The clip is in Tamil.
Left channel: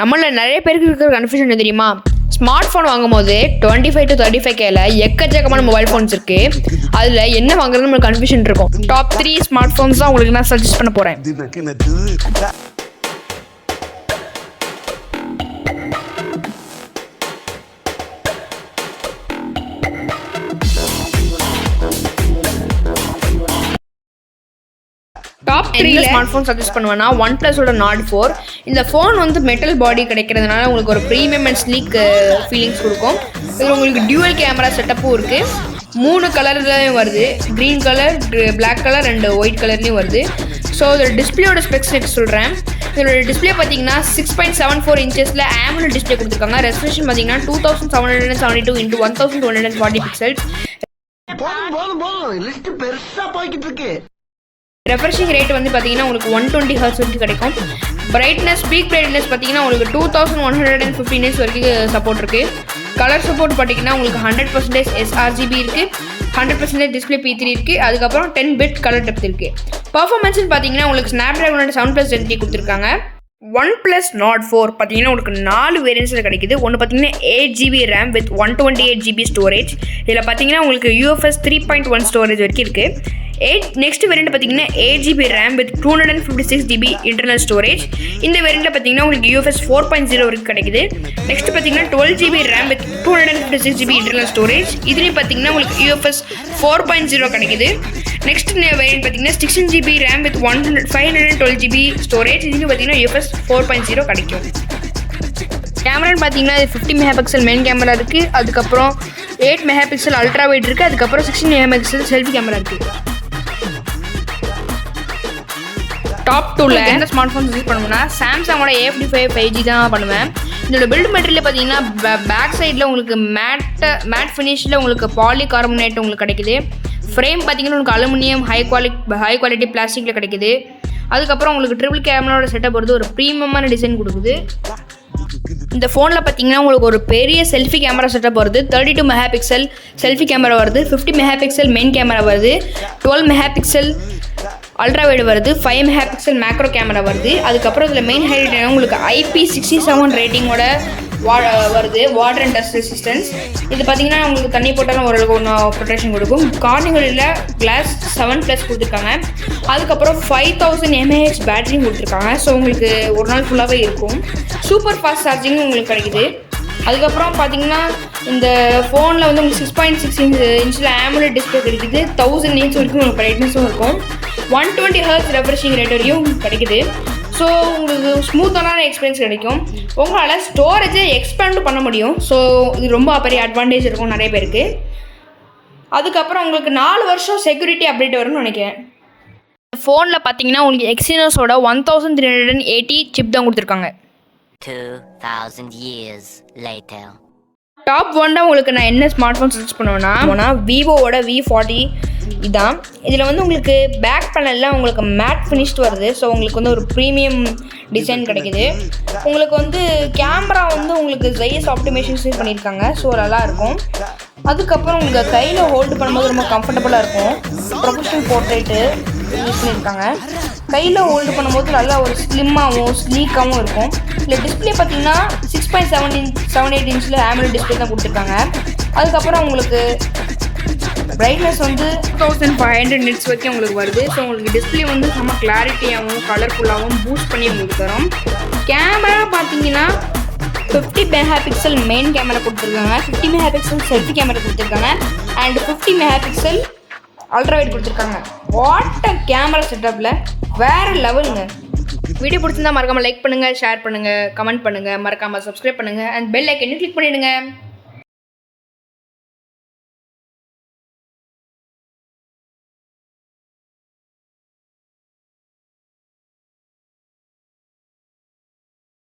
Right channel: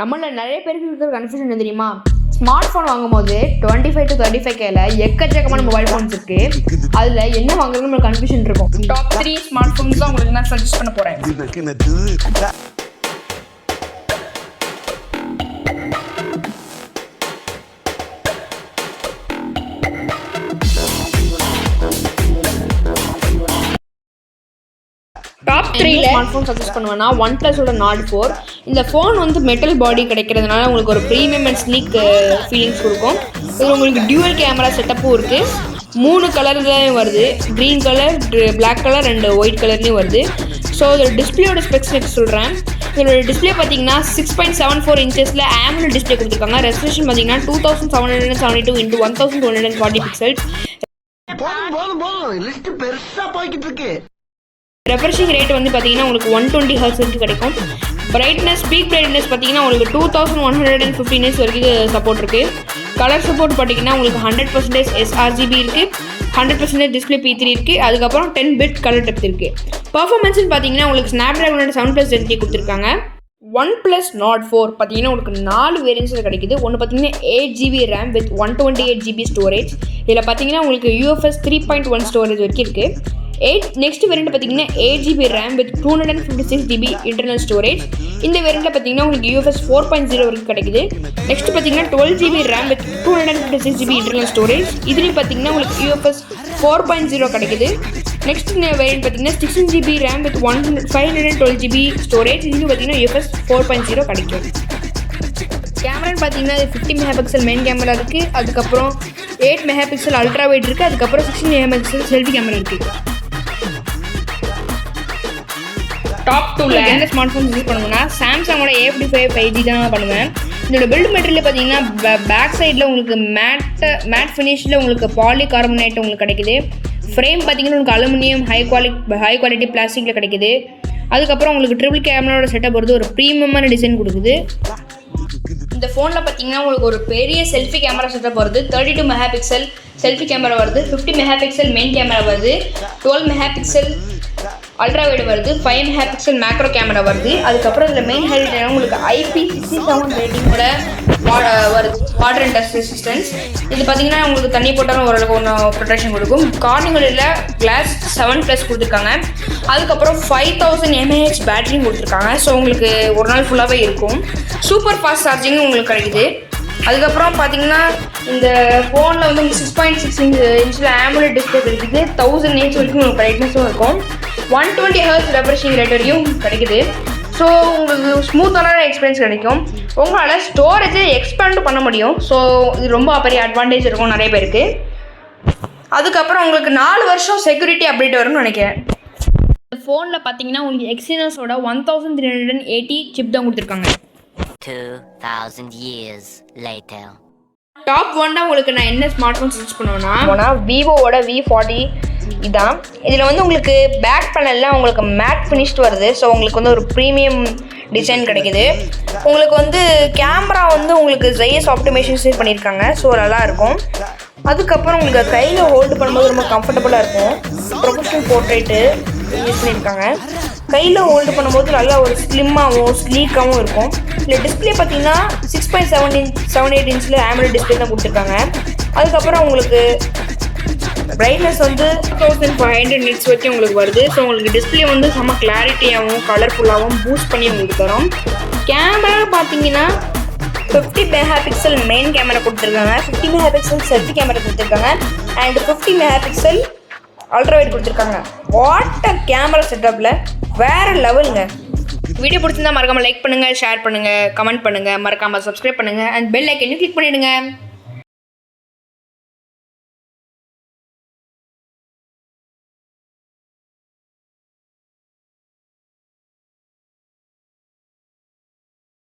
நம்மள நிறைய பேருக்கு இருக்கிற கன்ஃபியூஷன் என்ன தெரியுமா? ஸ்மார்ட் ஃபோன் வாங்கும்போது 25 to 35Kல எக்கச்சக்கமான மொபைல் ஃபோன்ஸ் இருக்கு. அதுல என்ன வாங்குறது நம்மளுக்கு கன்ஃபியூஷன் இருக்கும். டாப் 3 ஸ்மார்ட் ஃபோன்ஸ் தான் உங்களுக்கு நான் சஜஸ்ட் பண்ண போறேன். டாப் 3 ஸ்மார்ட் ஃபோன் சஜஸ்ட் பண்ணுவேன்னா OnePlusோட Nord 4. இந்த ஃபோன் வந்து மெட்டல் பாடி கிடைக்கிறதுனால உங்களுக்கு ஒரு ப்ரீமியம் அண்ட் ஸ்லீக் ஃபீலிங்ஸ் கொடுக்கும். இது உங்களுக்கு டியூவல் கேமரா செட்டப்பும் இருக்குது. 3 கலர்லையும் வருது. Green colour, black colour and white கலர்லேயும் வருது. ஸோ இதோட டிஸ்பிளேயோட ஸ்பெக்ஸ் சொல்கிறேன். இதோட டிஸ்பிளே பார்த்தீங்கன்னா 6.74 இன்ச்சஸில் AMOLED டிஸ்பிளே கொடுத்துருக்காங்க. ரெசல்யூஷன் பார்த்தீங்கன்னா 2772 × 1240 பிக்சல்ஸ். ரெஃப்ரெஷிங் ரேட் வந்து பார்த்தீங்கன்னா உங்களுக்கு 120 Hz வரைக்கும் கிடைக்கும். பிரைட்னஸ், பீக் பிரைட்னஸ் பார்த்தீங்கன்னா உங்களுக்கு 2150 nits வரைக்கும் சப்போர்ட் இருக்குது. கலர் சப்போர்ட் பார்த்தீங்கன்னா உங்களுக்கு 100% sRGB இருக்குது, 100% டிஸ்பிளே P3 இருக்குது. அதுக்கப்புறம் 10 bit கலர் டெப்த் இருக்குது. பர்ஃபார்மன்ஸ்னு பார்த்தீங்கன்னா உங்களுக்கு ஸ்னாப்டிராகனோட 7+ Gen கொடுத்துருக்காங்க. OnePlus Nord 4 பார்த்தீங்கன்னா உங்களுக்கு 4 வேரியன்ஸில் கிடைக்குது. ஒன்று பார்த்தீங்கன்னா 8GB RAM with 128GB storage. இதில் பார்த்தீங்கன்னா உங்களுக்கு UFS 3.1 ஸ்டோரேஜ் வரைக்கும் இருக்குது. நெக்ஸ்ட் வேரியண்ட் பார்த்தீங்கன்னா 8GB RAM with 256GB internal storage. இந்த வேரியண்ட்டில் பார்த்தீங்கன்னா உங்களுக்கு UFS 4.0 வரைக்கும் கிடைக்குது. நெக்ஸ்ட் பார்த்தீங்கன்னா 12GB RAM with 256GB internal storage. இதுலேயும் பார்த்தீங்கன்னா உங்களுக்கு UFS 4.0 கிடைக்குது. நெக்ஸ்ட் வேரியண்ட் பார்த்தீங்கன்னா 16GB RAM with 512GB storage. இதுலேயும் பார்த்தீங்கன்னா UFS 4.0 கிடைக்கும். கேமரான்னு பார்த்தீங்கன்னா 50 MP மெயின் கேமரா இருக்குது. அதுக்கப்புறம் 8 MP அல்ட்ரா வைட் இருக்குது. அதுக்கப்புறம் 16 MP செல்ஃபி கேமரா இருக்குது. டாப் 2ல எந்த ஸ்மார்ட் ஃபோன் யூஸ் பண்ணுவேன்னா சாம்சங்கோட A55 5G தான் பண்ணுவேன். இதோட பில்ட் மெட்டீரியல் பார்த்தீங்கன்னா பேக் சைடில் உங்களுக்கு மேட் ஃபினிஷில் உங்களுக்கு பாலிகார்பனேட் உங்களுக்கு கிடைக்குது. ஃப்ரேம் பார்த்தீங்கன்னா உங்களுக்கு அலுமினியம் ஹை குவாலிட்டி பிளாஸ்டிக்கில் கிடைக்குது. அதுக்கப்புறம் உங்களுக்கு ட்ரிபிள் கேமராவோட செட்டப் வருது. ஒரு ப்ரீமியமான டிசைன் கொடுக்குது. இந்த ஃபோனில் பார்த்தீங்கன்னா உங்களுக்கு ஒரு பெரிய செல்ஃபி கேமரா செட்டப் வருது. 32 MP செல்ஃபி கேமரா வருது. 50 MP மெயின் கேமரா வருது. 12 MP அல்ட்ரா வைடு வருது. 5 MP மேக்ரோ கேமரா வருது. அதுக்கப்புறம் இதில் மெயின் ஹைலைட் உங்களுக்கு IP67 ரேட்டிங்கோட வருது. Water and dust resistance. இது பார்த்தீங்கன்னா உங்களுக்கு தண்ணி போட்டாலும் ஓரளவுக்கு ஒன்றும் ப்ரொடெக்ஷன் கொடுக்கும். கார்னிங்கில் கிளாஸ் 7+ கொடுத்துருக்காங்க. அதுக்கப்புறம் 5000 mAh பேட்டரியும் கொடுத்துருக்காங்க. ஸோ உங்களுக்கு ஒரு நாள் ஃபுல்லாகவே இருக்கும். சூப்பர் ஃபாஸ்ட் சார்ஜிங்கும் உங்களுக்கு கிடைக்குது. அதுக்கப்புறம் பார்த்தீங்கன்னா இந்த ஃபோனில் வந்து உங்களுக்கு 6.6 இன்ச்சில் AMOLED டிஸ்பிளே கிடைக்குது. 1000 nits வரைக்கும் உங்களுக்கு பிரைட்னஸும் இருக்கும். 120 Hz ரெஃப்ரெஷிங் ரேட் வரையும் கிடைக்குது. ஸோ உங்களுக்கு ஸ்மூத்தான எக்ஸ்பீரியன்ஸ் கிடைக்கும். உங்களால் ஸ்டோரேஜை எக்ஸ்பேண்ட் பண்ண முடியும். ஸோ இது ரொம்ப பெரிய அட்வான்டேஜ் இருக்கும் நிறைய பேருக்கு. அதுக்கப்புறம் உங்களுக்கு 4 வருஷம் செக்யூரிட்டி அப்டேட் வரும்னு நினைக்கிறேன். இந்த ஃபோனில் பார்த்தீங்கன்னா உங்களுக்கு எக்ஸினோஸோட 1380 சிப் தான் கொடுத்துருக்காங்க. 2000 years later. டாப் 1 உங்களுக்கு நான் என்ன ஸ்மார்ட் ஃபோன் சஜஸ்ட் பண்ணுவேன்னா விவோவோட V40 இதுதான். இதில் வந்து உங்களுக்கு பேக் பேனலில் உங்களுக்கு மேட் ஃபினிஷ்டு வருது. ஸோ உங்களுக்கு வந்து ஒரு ப்ரீமியம் டிசைன் கிடைக்குது. உங்களுக்கு வந்து கேமரா வந்து உங்களுக்கு ZS ஆப்டிமேஷன்ஸ் பண்ணியிருக்காங்க. ஸோ நல்லாயிருக்கும். அதுக்கப்புறம் உங்களுக்கு கையில் ஹோல்டு பண்ணும்போது ரொம்ப கம்ஃபர்டபுளாக இருக்கும். ப்ரொஃபஷனல் போர்ட்ரேட்டு யூஸ் பண்ணியிருக்காங்க. கையில் ஹோல்டு பண்ணும்போது நல்லா ஒரு ஸ்லிம்மாகவும் ஸ்லீக்காகவும் இருக்கும். இல்லை டிஸ்பிளே பார்த்தீங்கன்னா 6.78 இன்ச்சில் AMOLED டிஸ்பிளே தான் கொடுத்துருக்காங்க. அதுக்கப்புறம் உங்களுக்கு பிரைட்னஸ் வந்து 1500 nits வரைக்கும் உங்களுக்கு வருது. ஸோ உங்களுக்கு டிஸ்பிளே வந்து செம்ம கிளாரிட்டியாகவும் கலர்ஃபுல்லாகவும் பூஸ்ட் பண்ணி உங்களுக்கு தரும். கேமரா பார்த்தீங்கன்னா 50 MP மெயின் கேமரா கொடுத்துருக்காங்க. 50 MP செல்ஃபி கேமரா கொடுத்துருக்காங்க. அண்ட் 50 MP அல்ட்ரா வைட் கொடுத்துருக்காங்க. வாட்டர் கேமரா செட்டப்பில் வேறு லெவலுங்க. வீடியோ பிடிச்சிருந்தா மறக்காமல் லைக் பண்ணுங்கள், ஷேர் பண்ணுங்கள், கமெண்ட் பண்ணுங்கள், மறக்காமல் சப்ஸ்கிரைப் பண்ணுங்கள் அண்ட் பெல் ஐக்கனையும் கிளிக் பண்ணிவிடுங்க.